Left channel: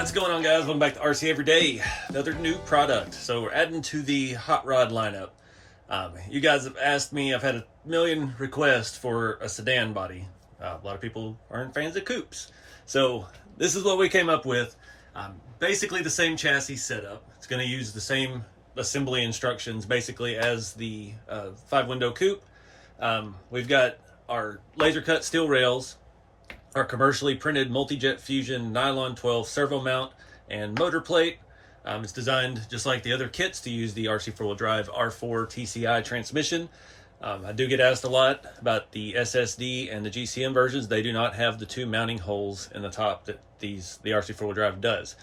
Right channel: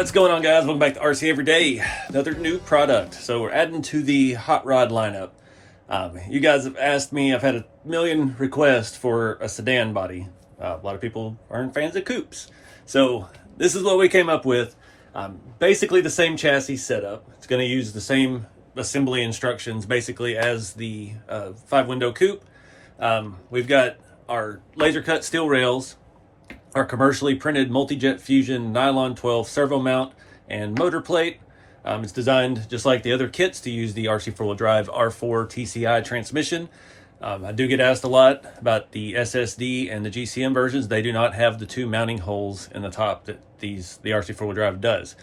What's going on, guys? Welcome back to RC Everyday. Another new product. So we're adding to the hot rod lineup. You guys have asked me, I've had a million requests for a sedan body. A lot of people aren't fans of coupes. So this is what we came up with. Basically the same chassis setup. It's going to use the same assembly instructions basically as the 5-window coupe. We've got our laser cut steel rails, our commercially printed multi-jet fusion nylon 12 servo mount and motor plate. It's designed just like the other kits to use the RC 4-wheel drive R4 TCI transmission. I do get asked a lot about the SSD and the GCM versions. They do not have the two mounting holes in the top that the RC 4-wheel drive does.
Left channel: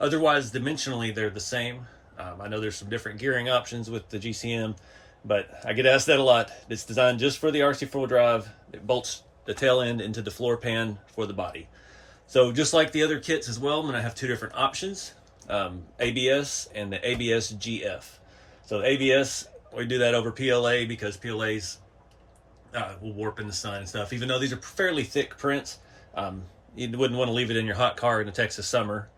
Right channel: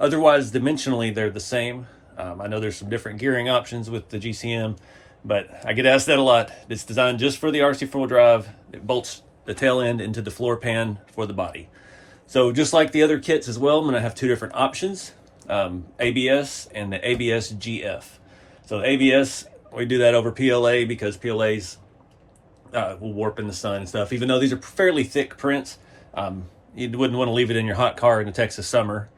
Otherwise, dimensionally, they're the same. I know there's some different gearing options with the GCM, but I get asked that a lot. It's designed just for the RC 4-wheel drive. It bolts the tail end into the floor pan for the body. So just like the other kits as well, I'm going to have two different options, ABS and the ABS GF. So the ABS, we do that over PLA because PLAs will warp in the sun and stuff. Even though these are fairly thick prints, you wouldn't want to leave it in your hot car in the Texas summer.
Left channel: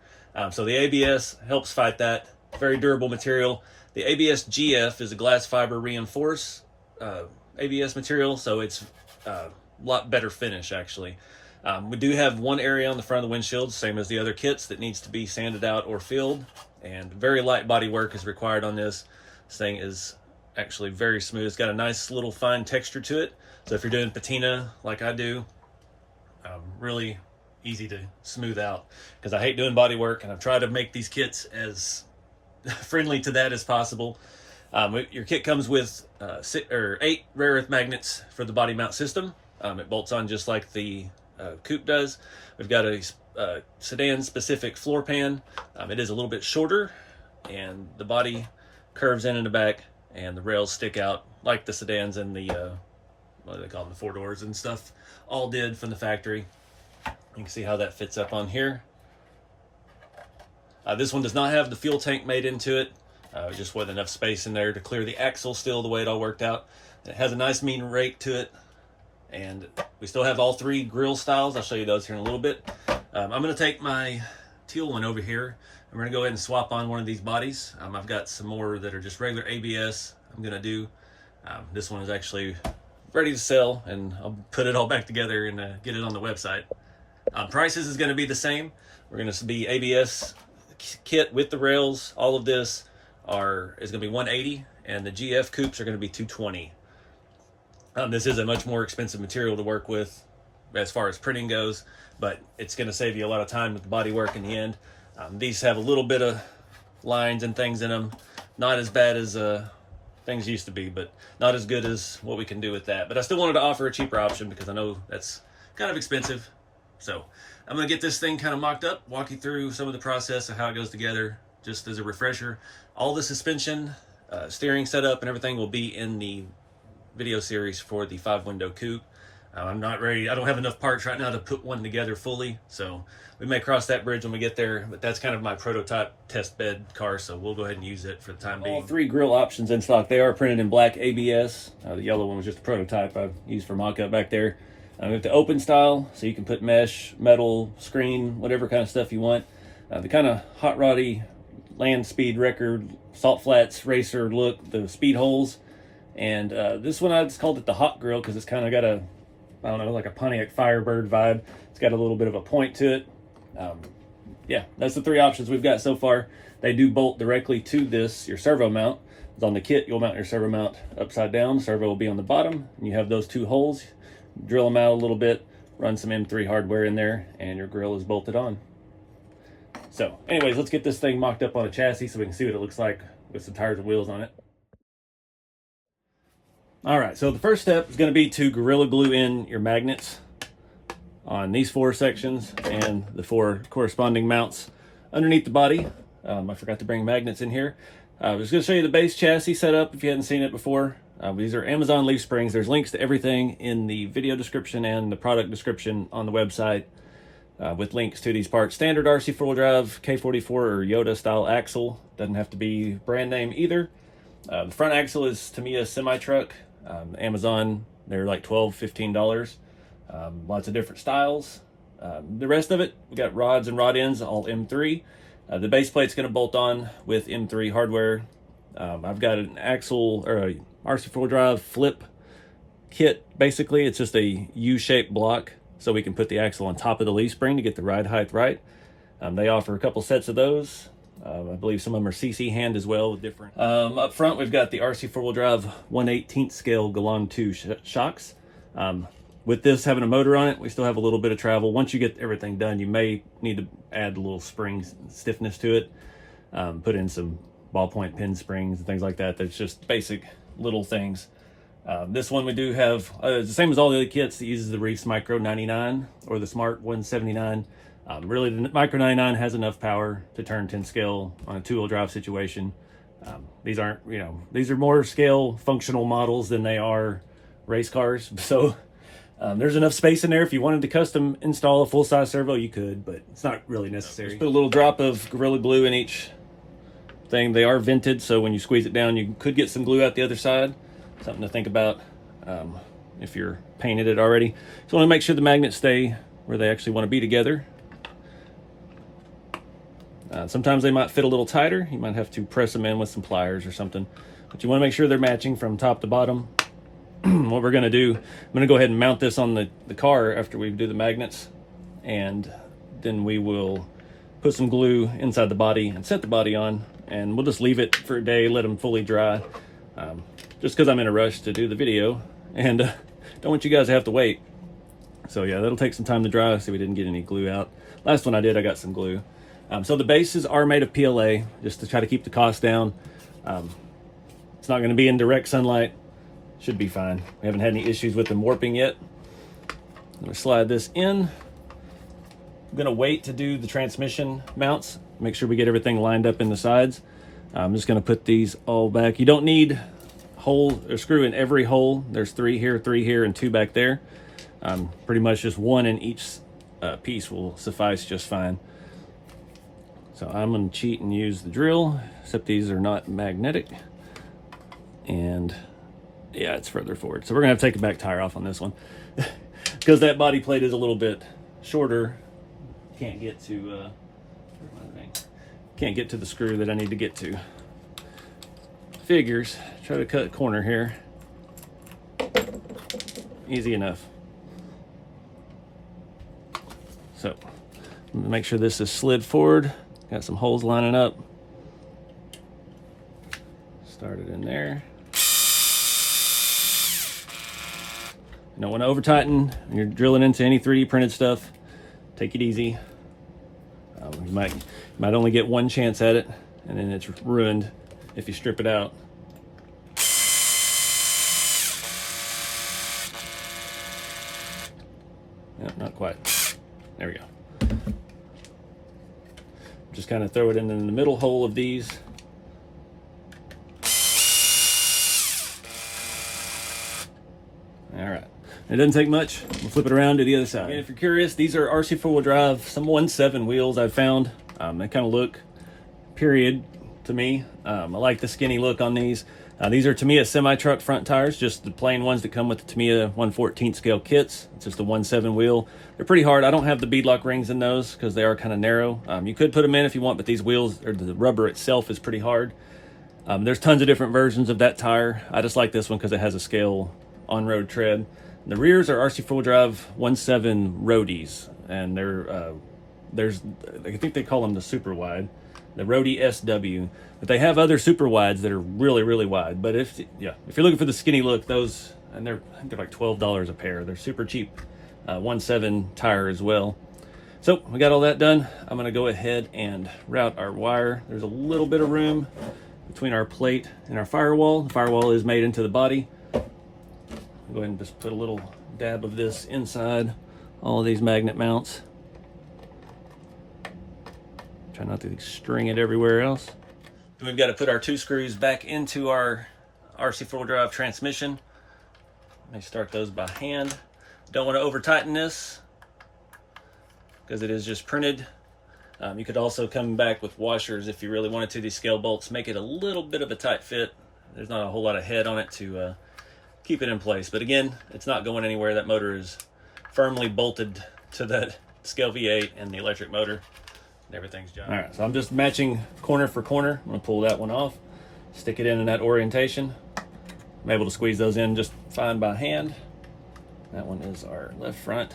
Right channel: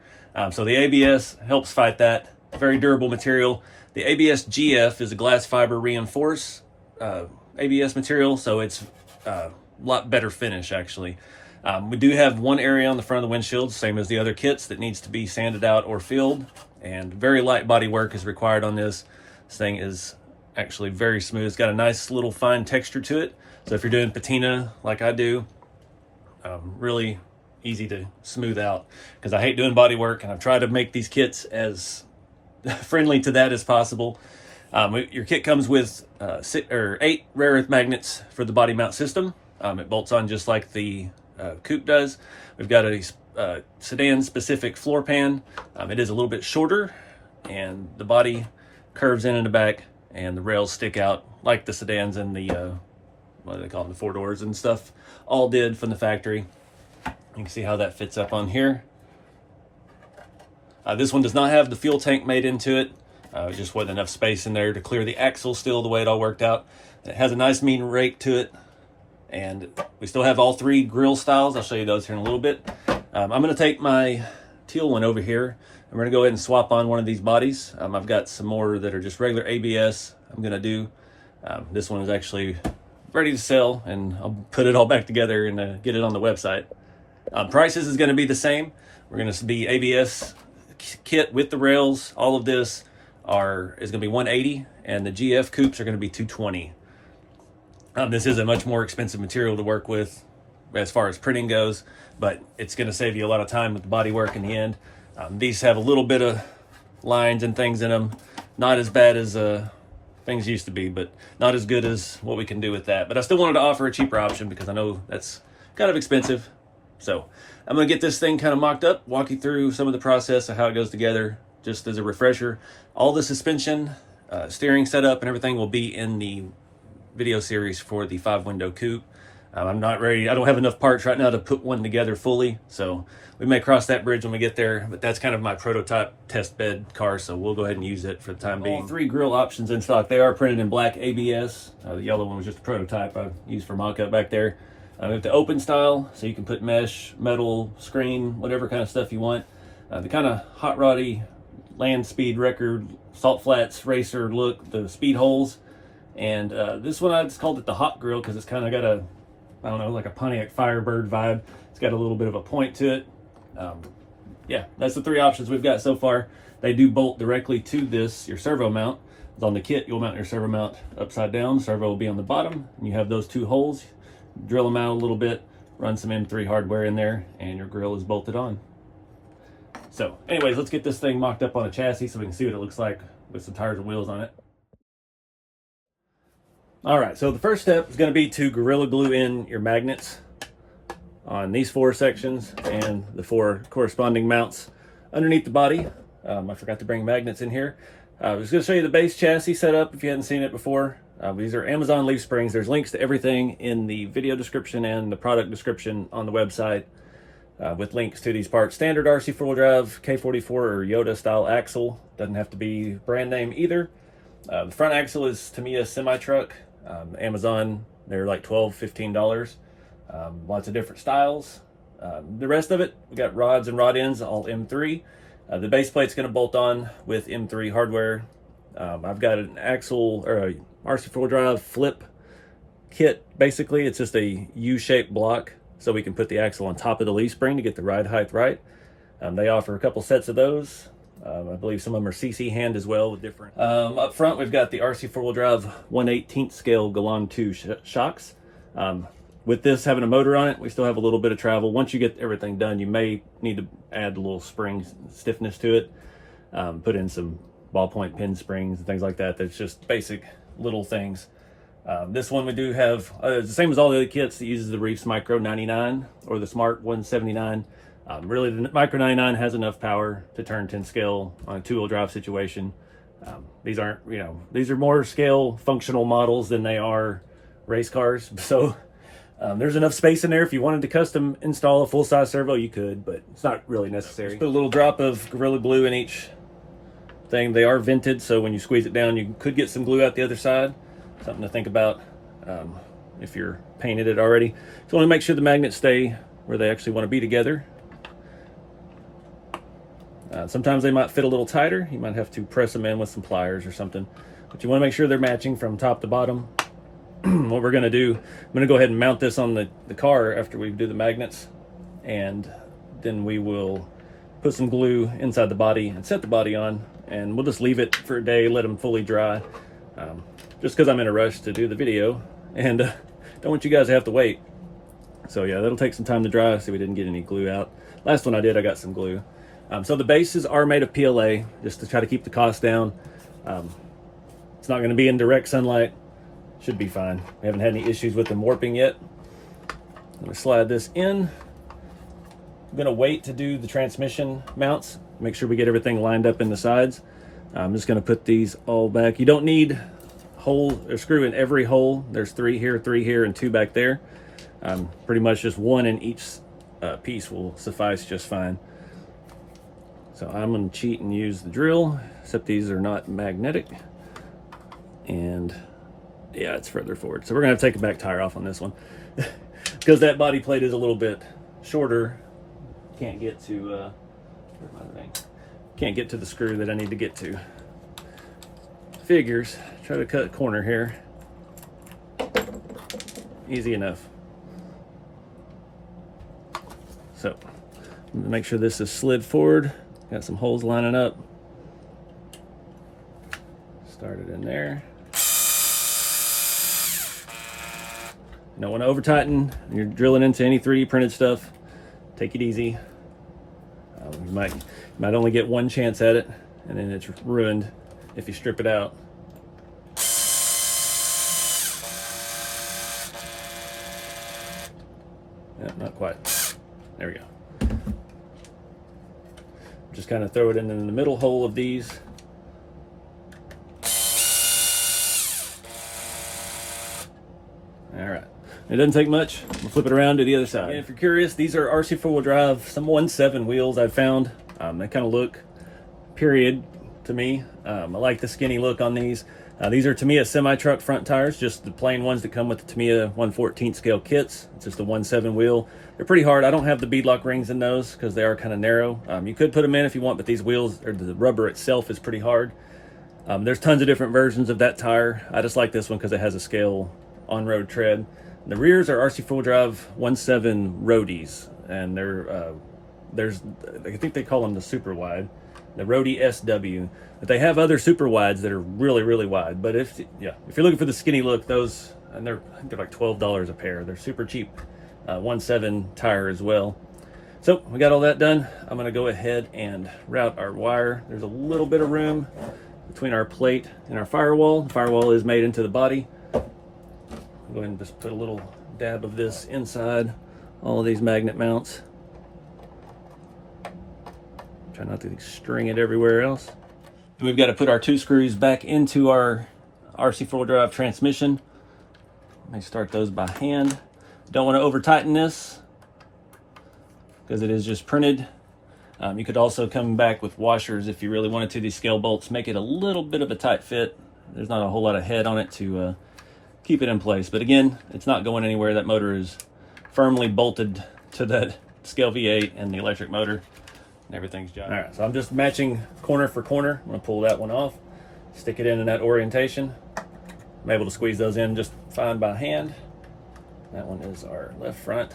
So the ABS helps fight that. Very durable material. The ABS GF is a glass fiber reinforced ABS material, so it's lot better finish actually. We do have one area on the front of the windshield, same as the other kits, that needs to be sanded out or filled, and very light body work is required on this. This thing is actually very smooth. It's got a nice little fine texture to it, so if you're doing patina like I do, really easy to smooth out, because I hate doing body work and I've tried to make these kits as friendly to that as possible. Your kit comes with 8 rare earth magnets for the body mount system. It bolts on just like the coupe does. We've got a sedan specific floor pan. It is a little bit shorter, and the body curves in the back, and the rails stick out like the sedans and the what do they call it, the 4 doors and stuff all did from the factory. You can see how that fits up on here. This one does not have the fuel tank made into it. There just wasn't enough space in there to clear the axle still the way it all worked out. It has a nice mean rake to it, and we still have all 3 grill styles. I'll show you those here in a little bit. I'm going to take my teal one over here, and we're going to go ahead and swap on one of these bodies. I've got some more that are just regular ABS I'm going to do. This one is actually ready to sell, and I'll put it all back together and get it on the website. Prices is going to be the same. We're going to be ABS kit with the rails. All of this is going to be $180, and the GF coupes are going to be $220. This is a much more expensive material to work with as far as printing goes, but it's going to save you a lot of time with the body work in the end. These have a little bit of lines and things in them. Not as bad as things used to be, but not as good as what we can do with that. But I still wanted to offer a cheaper option because I know that's kind of expensive. So I'm going to get this thing kind of mocked up, walk you through some of the process of how it goes together, just as a refresher. All the suspension, steering setup, and everything will be in the video series for the 5-window coupe. I'm not ready. I don't have enough parts right now to put one together fully, so we may cross that bridge when we get there, but that's kind of my prototype test bed car, so we'll go ahead and use it for the time being. All 3 grill options in stock. They are printed in black ABS. The yellow one was just a prototype I used for mock-up back there. We have the open style, so you can put mesh, metal, screen, whatever kind of stuff you want. The kind of hot roddy land speed record, salt flats racer look, the speed holes. And this one, I just called it the hot grill because it's kind of got a, I don't know, like a Pontiac Firebird vibe. It's got a little bit of a point to it. Yeah, that's the 3 options we've got so far. They do bolt directly to this, your servo mount. It's on the kit, you'll mount your servo mount upside down. Servo will be on the bottom, and you have those 2 holes. Drill them out a little bit, run some M3 hardware in there, and your grill is bolted on. So anyways, let's get this thing mocked up on a chassis so we can see what it looks like with some tires and wheels on it. All right, so the first step is going to be to Gorilla Glue in your magnets on these 4 sections and the 4 corresponding mounts underneath the body. I forgot to bring magnets in here. I was going to show you the base chassis setup if you hadn't seen it before. These are Amazon leaf springs. There's links to everything in the video description and the product description on the website with links to these parts. Standard RC 4-wheel drive, K44 or Yoda style axle. Doesn't have to be brand name either. The front axle is Tamiya semi-truck. Amazon, they're like $12, $15. Lots of different styles. The rest of it, we got rods and rod ends, all M3. The base plate's going to bolt on with M3 hardware. I've got an axle or a RC4 drive flip kit. Basically, it's just a U-shaped block, so we can put the axle on top of the leaf spring to get the ride height right. They offer a couple sets of those. I believe some of them are CC hand as well with different. Up front, we've got the RC four-wheel drive 1/18 scale Galan 2 shocks. With this having a motor on it, we still have a little bit of travel. Once you get everything done, you may need to add a little spring stiffness to it. Put in some ballpoint pin springs and things like that. That's just basic little things. This one we do have, it's the same as all the other kits. It uses the Reefs Micro 99 or the Smart 179. Really, the Micro 99 has enough power to turn 10 scale on a two-wheel drive situation. These aren't, these are more scale functional models than they are race cars. So there's enough space in there. If you wanted to custom install a full-size servo, you could, but it's not really necessary. Just put a little drop of Gorilla Glue in each thing. They are vented, so when you squeeze it down, you could get some glue out the other side. Something to think about if you're painted it already. So I want to make sure the magnets stay where they actually want to be together. Sometimes they might fit a little tighter. You might have to press them in with some pliers or something, but you want to make sure they're matching from top to bottom. What we're going to do, I'm going to go ahead and mount this on the car after we do the magnets, and then we will put some glue inside the body and set the body on, and we'll just leave it for a day, let them fully dry, just because I'm in a rush to do the video and don't want you guys to have to wait. So yeah, that'll take some time to dry. See, we didn't get any glue out. Last one I did, I got some glue. So the bases are made of PLA just to try to keep the cost down. It's not going to be in direct sunlight. Should be fine. We haven't had any issues with them warping yet. I'm going to slide this in. I'm going to wait to do the transmission mounts. Make sure we get everything lined up in the sides. I'm just going to put these all back. You don't need hole or screw in every hole. There's 3 here, and 2 back there. Pretty much just 1 in each piece will suffice just fine. So I'm going to cheat and use the drill, except these are not magnetic. And yeah, it's further forward. So we're going to have to take a back tire off on this one because that body plate is a little bit shorter. Can't get to can't get to the screw that I need to get to. Figures. Try to cut a corner here. Easy enough. So make sure this is slid forward. Got some holes lining up. Start it in there. You don't want to over tighten when you're drilling into any 3D printed stuff. Take it easy. You might only get one chance at it, and then it's ruined if you strip it out. Yep, not quite. There we go. Just kind of throw it in the middle hole of these. All right. It doesn't take much. We'll flip it around to the other side. And if you're curious, these are RC four-wheel drive, some 1.7 wheels I've found. They kind of look period to me. I like the skinny look on these. These are Tamiya semi-truck front tires, just the plain ones that come with the Tamiya 1/14 scale kits. It's just a 1.7 wheel. They're pretty hard. I don't have the beadlock rings in those because they are kind of narrow. You could put them in if you want, but these wheels, or the rubber itself, is pretty hard. There's tons of different versions of that tire. I just like this one because it has a scale on-road tread. The rears are RC four-wheel drive 1.7 roadies, and I think they call them the super wide, the Roadie SW. But they have other super wides that are really, really wide. But if you're looking for the skinny look, those, and I think they're like $12 a pair. They're super cheap. 1.7 tire as well. So we got all that done. I'm gonna go ahead and route our wire. There's a little bit of room between our plate and our firewall. The firewall is made into the body. I'll go ahead and just put a little dab of this inside all of these magnet mounts. Try not to string it everywhere else. We've got to put our 2 screws back into our RC four-wheel drive transmission. Let me start those by hand. Don't want to over tighten this because it is just printed. You could also come back with washers if you really wanted to. These scale bolts make it a little bit of a tight fit. There's not a whole lot of head on it to keep it in place, but again, it's not going anywhere. That motor is firmly bolted to scale V8 and the electric motor and everything's done. All right, so I'm just matching corner for corner. I'm gonna pull that one off, stick it in that orientation. I'm able to squeeze those in just fine by hand. That one is our left front.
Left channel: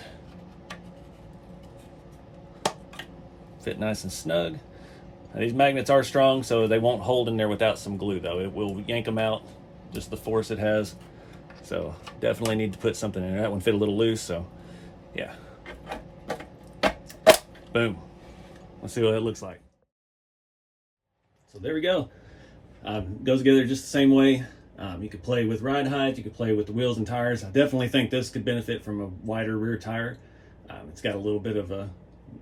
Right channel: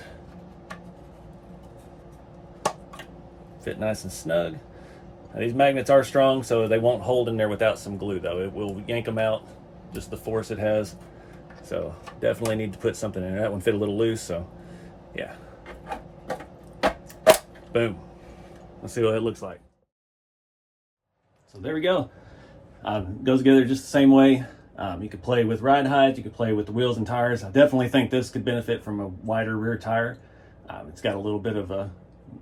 Fit nice and snug. Now, these magnets are strong, so they won't hold in there without some glue though. It will yank them out, just the force it has. So definitely need to put something in there. That one fit a little loose, so yeah. Boom. Let's see what it looks like. So there we go. Goes together just the same way. You could play with ride height, you could play with the wheels and tires. I definitely think this could benefit from a wider rear tire. It's got a little bit of a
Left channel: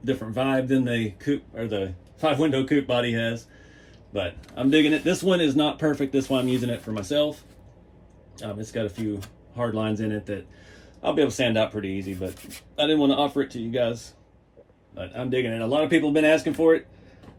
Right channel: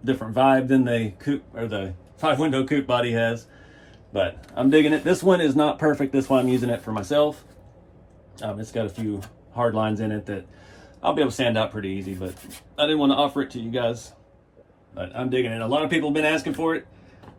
different vibe than the coupe or the 5-window coupe body has, but I'm digging it. This one is not perfect. This one I'm using it for myself. It's got a few hard lines in it that I'll be able to sand out pretty easy, but I didn't want to offer it to you guys. But I'm digging it. A lot of people have been asking for it.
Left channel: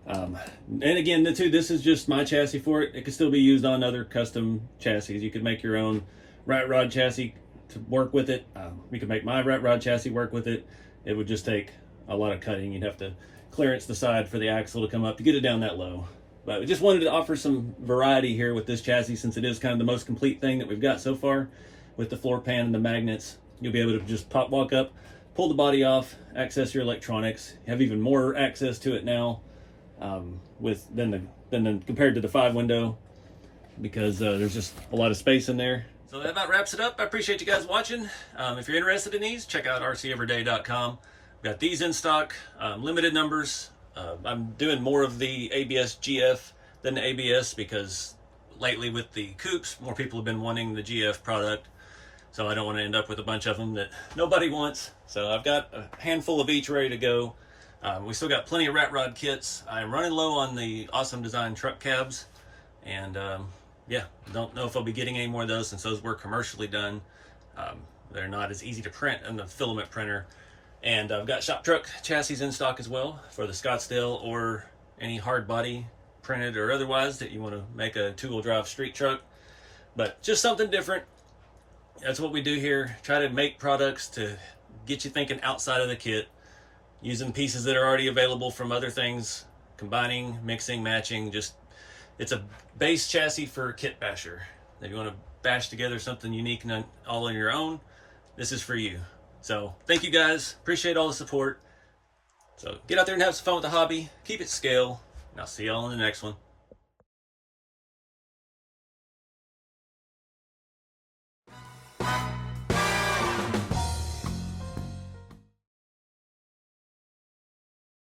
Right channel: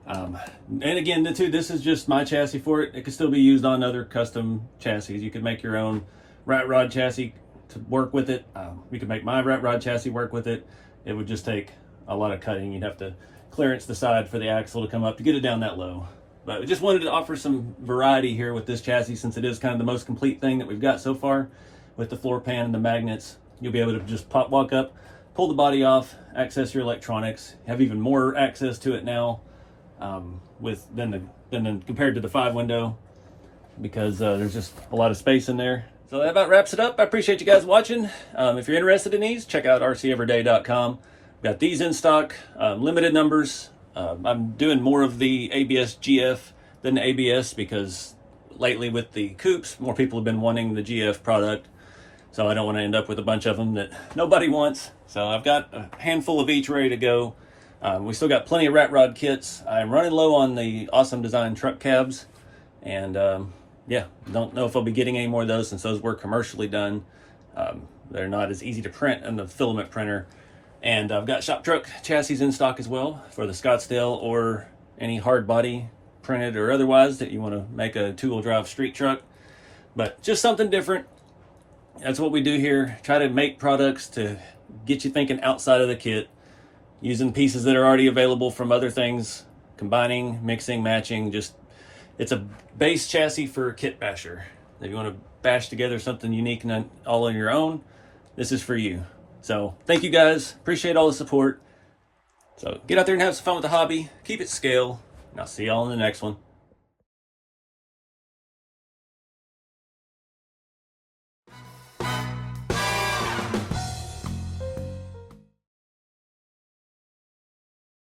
And again, this is just my chassis for it. It could still be used on other custom chassis. You could make your own rat rod chassis to work with it. You could make my rat rod chassis work with it. It would just take a lot of cutting. You'd have to clearance the side for the axle to come up to get it down that low. But I just wanted to offer some variety here with this chassis, since it is kind of the most complete thing that we've got so far. With the floor pan and the magnets, you'll be able to just walk up, pull the body off, access your electronics, have even more access to it now than compared to the 5-window, because there's just a lot of space in there. So that about wraps it up. I appreciate you guys watching. If you're interested in these, check out RCeveryday.com. Got these in stock, limited numbers. I'm doing more of the ABS GF than the ABS, because lately with the coupes, more people have been wanting the GF product. So I don't want to end up with a bunch of them that nobody wants. So I've got a handful of each ready to go. We still got plenty of rat rod kits. I'm running low on the Awesome Design truck cabs. And yeah, don't know if I'll be getting any more of those, since those were commercially done. They're not as easy to print in the filament printer. And I've got shop truck chassis in stock as well for the Scottsdale or any hard body, printed or otherwise, that you want to make a 2-wheel drive street truck. But just something different. That's what we do here. Try to make products to get you thinking outside of the kit, using pieces that are already available from other things, combining, mixing, matching. Just, it's a base chassis for a kit basher. If you want to bash together something unique and all on your own, this is for you. So thank you guys. Appreciate all the support. So get out there and have some fun with the hobby. Keep it scale. And I'll see y'all in the next one.